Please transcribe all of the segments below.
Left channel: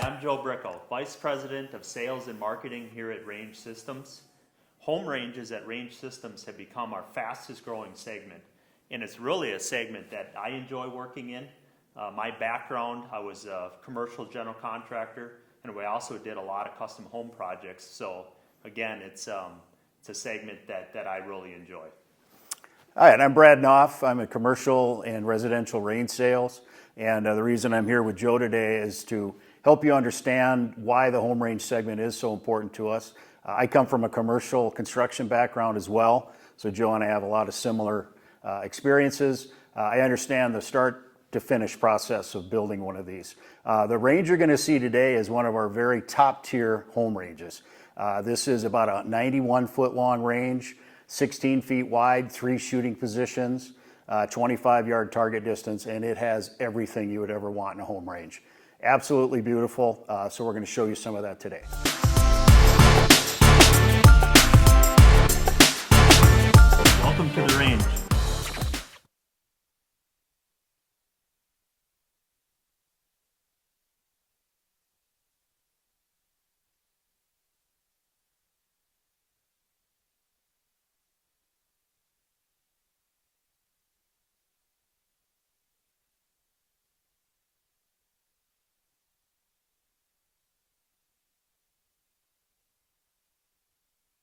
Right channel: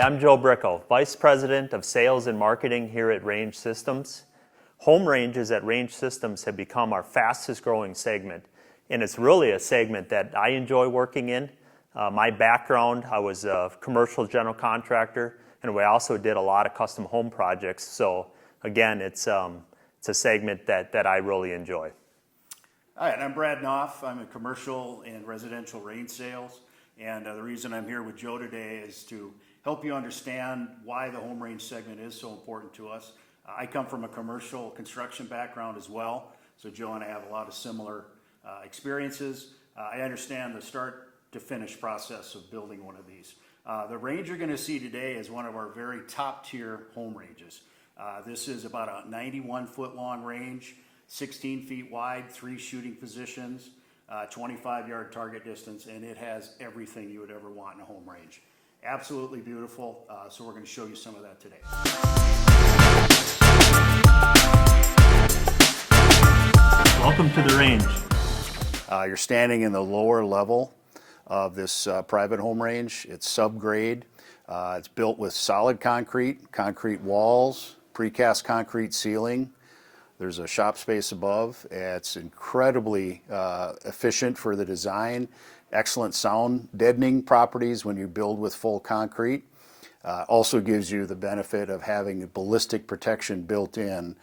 Hi, I'm Joe Brickel, Vice President of Sales and Marketing here at Range Systems. Home ranges at Range Systems have become our fastest growing segment, and it's really a segment that I enjoy working in. My background, I was a commercial general contractor, and we also did a lot of custom home projects. So again, it's a segment that I really enjoy. Hi, and I'm Brad Knopf. I'm a commercial and residential range sales, and the reason I'm here with Joe today is to help you understand why the home range segment is so important to us. I come from a commercial construction background as well, so Joe and I have a lot of similar experiences. I understand the start to finish process of building one of these. The range you're going to see today is one of our very top tier home ranges. This is about a 91 foot long range, 16 feet wide, 3 shooting positions, 25-yard target distance, and it has everything you would ever want in a home range. Absolutely beautiful, so we're going to show you some of that today. Welcome to the range. You're standing in the lower level of this private home range. It's subgrade. It's built with solid concrete walls, precast concrete ceiling. There's a shop space above. It's incredibly efficient for the design. Excellent sound deadening properties when you build with full concrete. Also gives you the benefit of having ballistic protection built in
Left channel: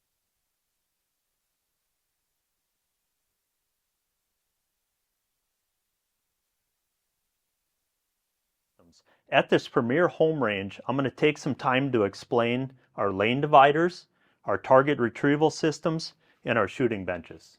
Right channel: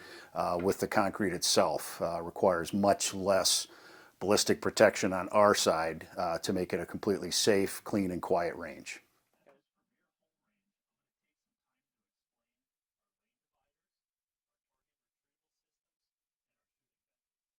with the concrete itself. Requires much less ballistic protection on our side to make it a completely safe, clean, and quiet range. At this premier home range, I'm going to take some time to explain our lane dividers, our target retrieval systems, and our shooting benches.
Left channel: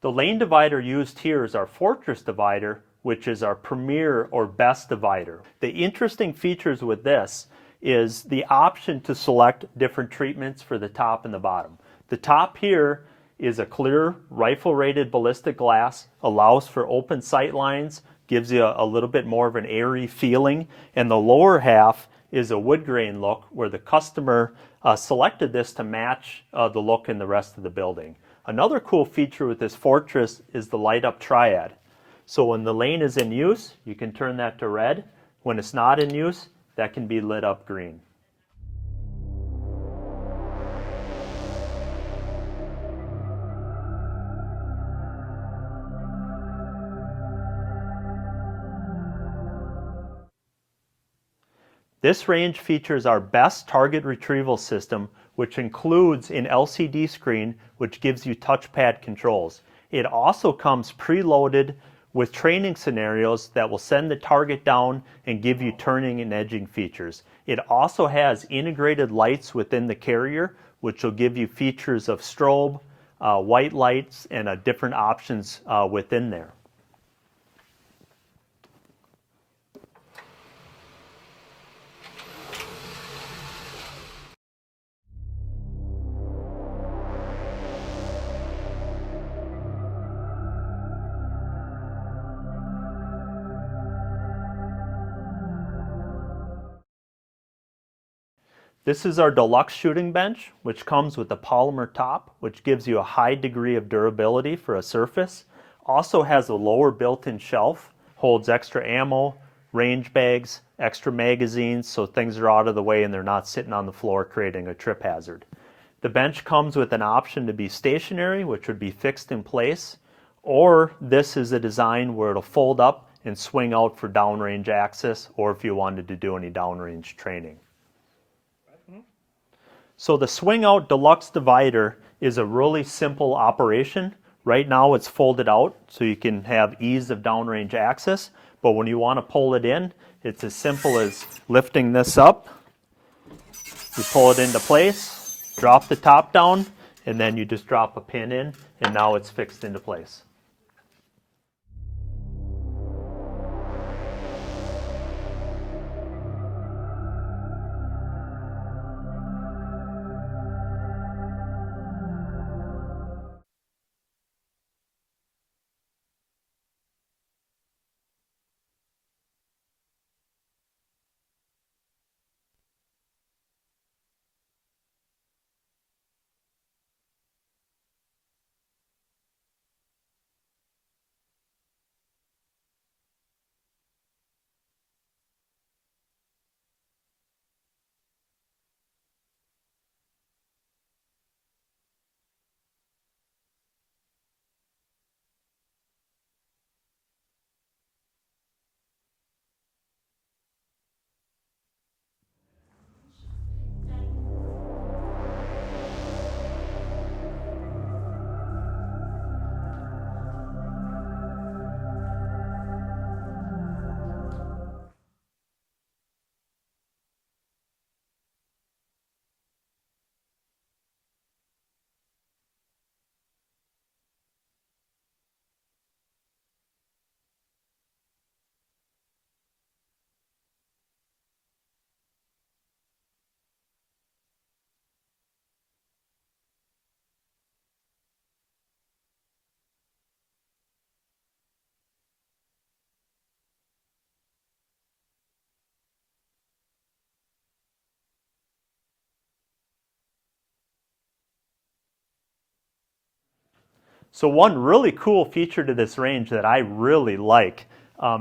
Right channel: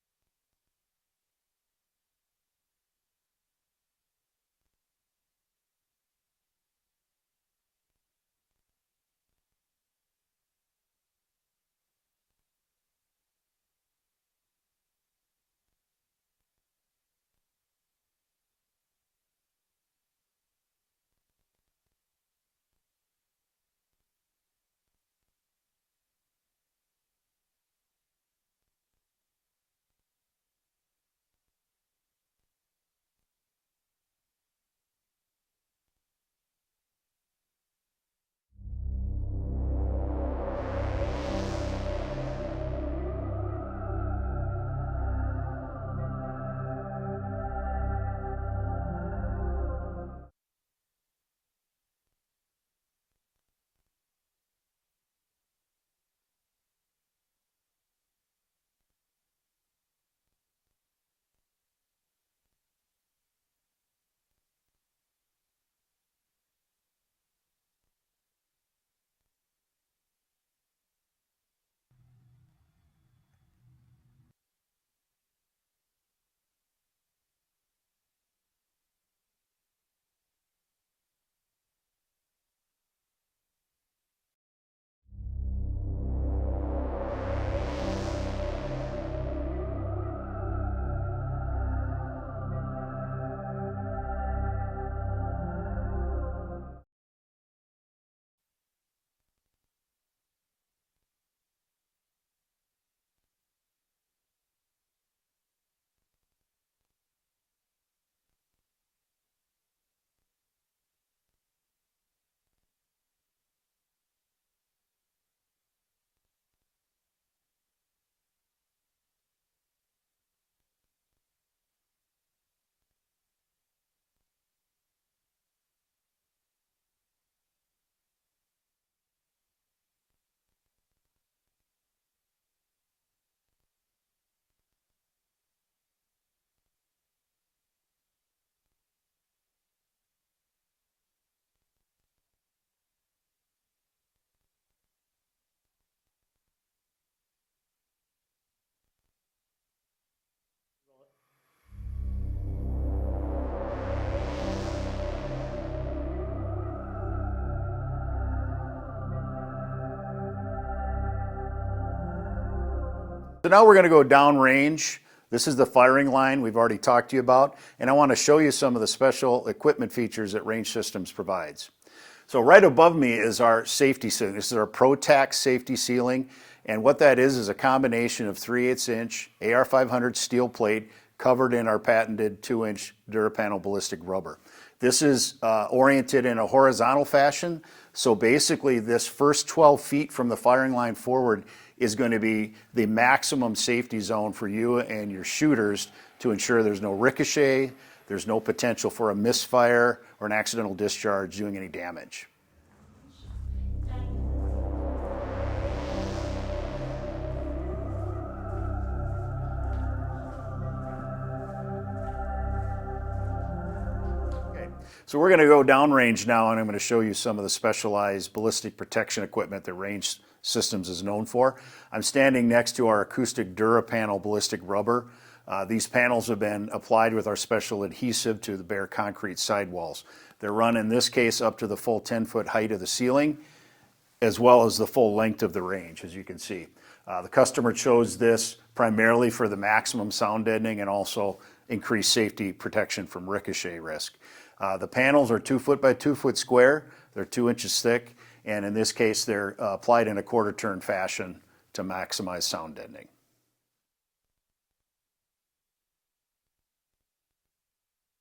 The lane divider used here is our Fortress divider, which is our premier or best divider. The interesting features with this is the option to select different treatments for the top and the bottom. The top here is a clear rifle-rated ballistic glass, allows for open sight lines, gives you a little bit more of an airy feeling, and the lower half is a wood grain look where the customer selected this to match the look in the rest of the building. Another cool feature with this Fortress is the light up triad. So when the lane is in use, you can turn that to red. When it's not in use, that can be lit up green. This range features our best target retrieval system, which includes an LCD screen which gives you touchpad controls. It also comes preloaded with training scenarios that will send the target down and give you turning and edging features. It also has integrated lights within the carrier, which will give you features of strobe, white lights, and different options within there. This is our deluxe shooting bench, which comes with a polymer top, which gives you a high degree of durability for a surface. Also has a lower built-in shelf, holds extra ammo, range bags, extra magazines, so things are out of the way and they're not sitting on the floor creating a trip hazard. The bench comes with an option to be stationary, which would be fixed in place, or this is a design where it'll fold up and swing out for downrange access, or if you wanted to do any downrange training. So the swing out deluxe divider is a really simple operation. Right now it's folded out so you can have ease of downrange access, but when you want to pull it in, it's as simple as lifting this up. You pull it into place, drop the top down, and then you just drop a pin in, and now it's fixed into place. So now we're going to go downrange. This is the firing line we've already talked to you about, and I want to show you some of the special equipment features that Range Systems provides. So right above me is our safety ceiling. This is our ProTac safety ceiling. And what that is a combination of 3/8 inch AR500 steel plate covered in our patented 2-inch DuraPanel ballistic rubber. This is oriented in a horizontal fashion. So basically this first 12 feet from the firing line forward is going to be the maximum safety zone for you and your shooters to ensure there's no ricochet, there's no potential for a misfire or an accidental discharge doing any damage. So we're going to go downrange now, and I'm going to show you some of the specialized ballistic protection equipment that Range Systems is known for. I'm standing next to our acoustic DuraPanel ballistic rubber. These panels have been applied with our special adhesive to the bare concrete sidewalls. They're run in this case up to the full 10-foot height of the ceiling, as well as the full length of the range, as you can see. The customer chose this primarily for the maximum sound deadening and also increased safety protection from ricochet risk. The panels are 2 foot by 2 foot square. They're 2 inches thick, and in this case, they're applied in a quarter turn fashion to maximize sound deadening. So one really cool feature to this range that I really like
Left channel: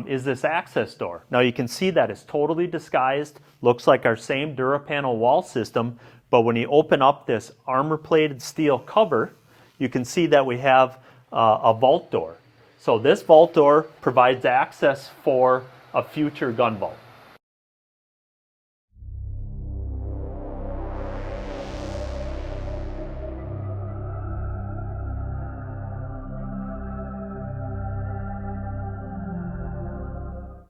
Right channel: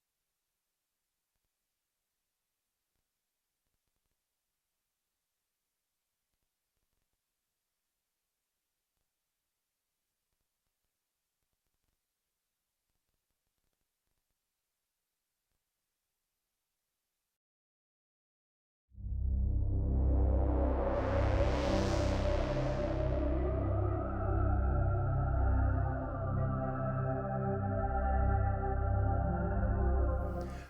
is this access door. Now you can see that it's totally disguised, looks like our same DuraPanel wall system, but when you open up this armor-plated steel cover, you can see that we have a vault door. So this vault door provides access for a future gun vault.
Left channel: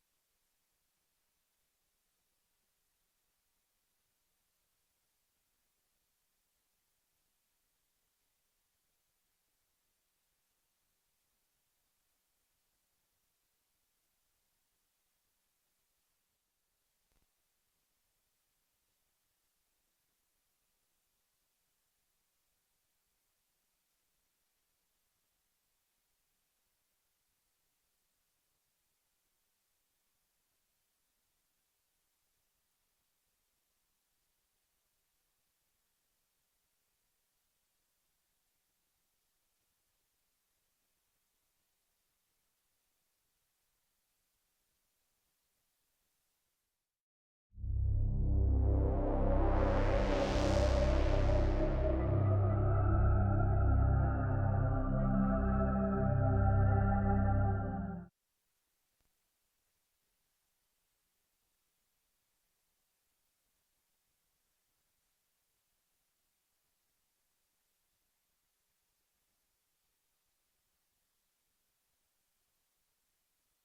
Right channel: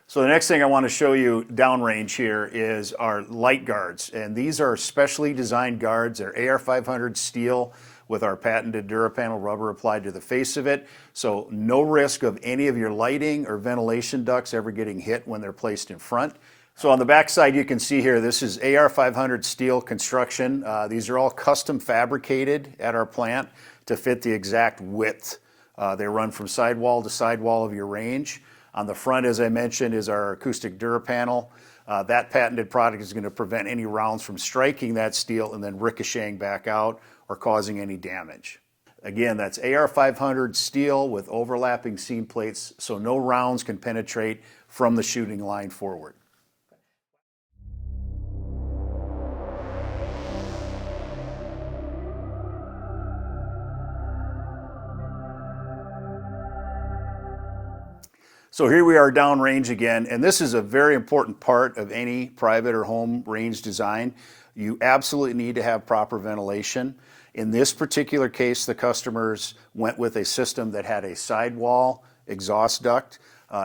So the next thing I want to show you downrange here is our light guards, and these are specially designed guards. They're AR500 steel with our patented DuraPanel rubber applied to the face of it, so no risk of any of your lighting or ventilation ducts ever getting hit when they're placed in front. So on the back side you can see here, this is AR500 steel construction. These are all custom fabricated at our plant to fit the exact width. They run from sidewall to sidewall of your range. On the front, as I mentioned, is our acoustic DuraPanel. That patented product is going to prevent any rounds from striking that steel and then ricocheting back out or causing any damage. Again, that's AR500 steel with overlapping seam plates, so no rounds can penetrate from the shooting line forward. So here we are downrange again, and this is a very important part of any private or home range design. You absolutely need to have proper ventilation. In this particular case, the customers went with a system that had a sidewall exhaust duct.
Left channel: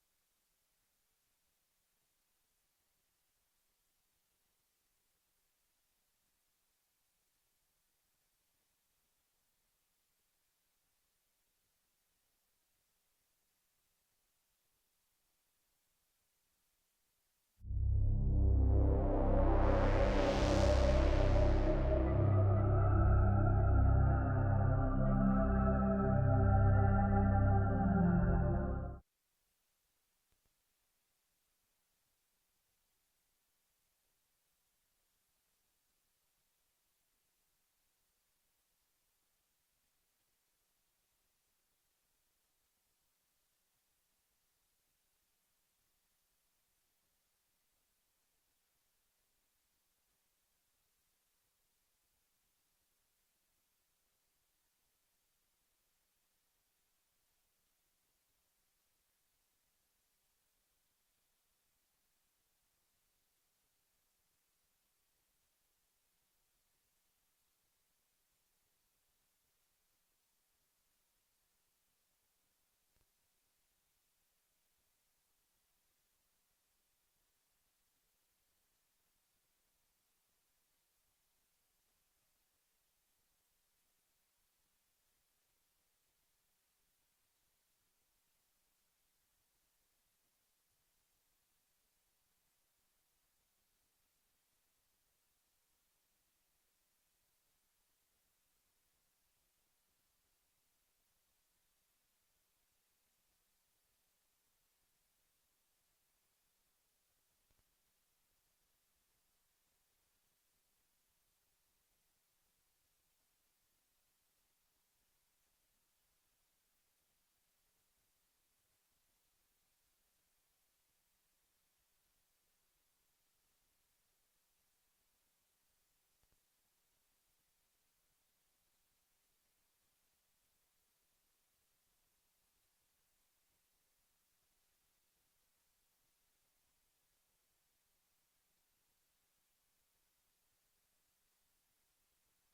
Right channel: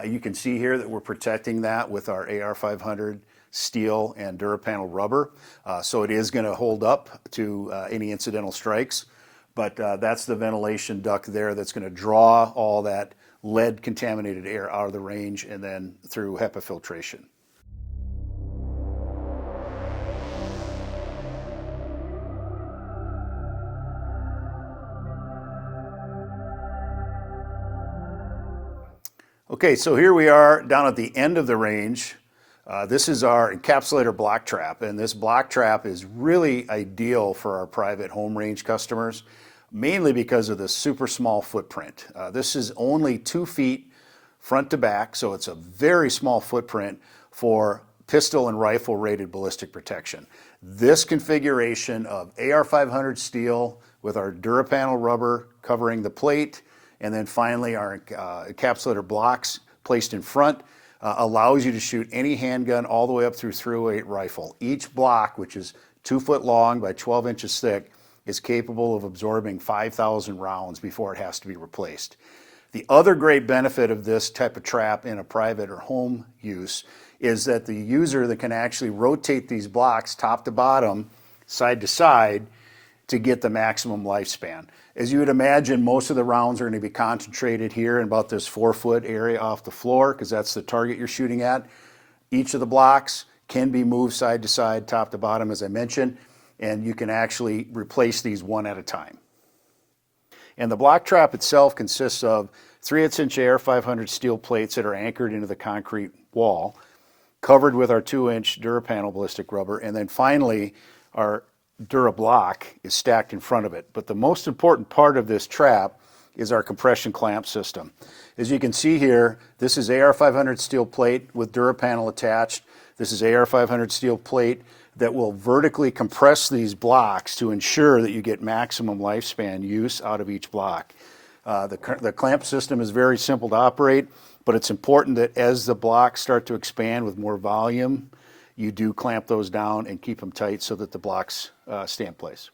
You can see here that we're protecting that with our AR500 steel and DuraPanel rubber. So it is going to hold up to any incidental strikes, but that's the ventilation duct there that's going to draw all that lead contaminated air out of the range and then through HEPA filtration. Okay, so here we are down at the end of the range. This is our encapsulator block trap, and this block trap is really ideal for our private home range customers, mainly because of the super small footprint. This is only 2 feet front to back, so it's a very small footprint for pistol and rifle rated ballistic protection. This configuration of AR500 steel with our DuraPanel rubber covering the plate, and then finally our encapsulator blocks placed in front, allows you to shoot any handgun all the way up through .308 rifle. Each block, which is 2 foot long by 12 inches thick, is capable of absorbing 5,000 rounds before it has to be replaced. The other great benefit of this type of trap in a private or home use is that the user that can actually rotate these blocks top to bottom, side to side, to get the maximum lifespan. As you would imagine, most of the rounds are going to be concentrated here in about this 4 foot area off the floor, because that's the target you're shooting at. Each of the blocks can be moved side to side, top to bottom, as I mentioned, and you can actually replace these one at a time. And the block trap itself consists of 3/8 inch AR500 steel plates that are anchored into the concrete wall, covered with our 2-inch DuraPanel ballistic rubber, and then finally our DuraBlock is stacked in front of it. But the most important part of this trap is our compression clamp system. As you can see here, this is AR500 steel plate with DuraPanel attached. This is AR500 steel plate that will vertically compress these blocks to ensure that you get maximum lifespan use out of each block. The clamp system is very simple to operate, but it's important that as the blocks start to expand with more volume, you do clamp those down and keep them tight so that the blocks stay in place.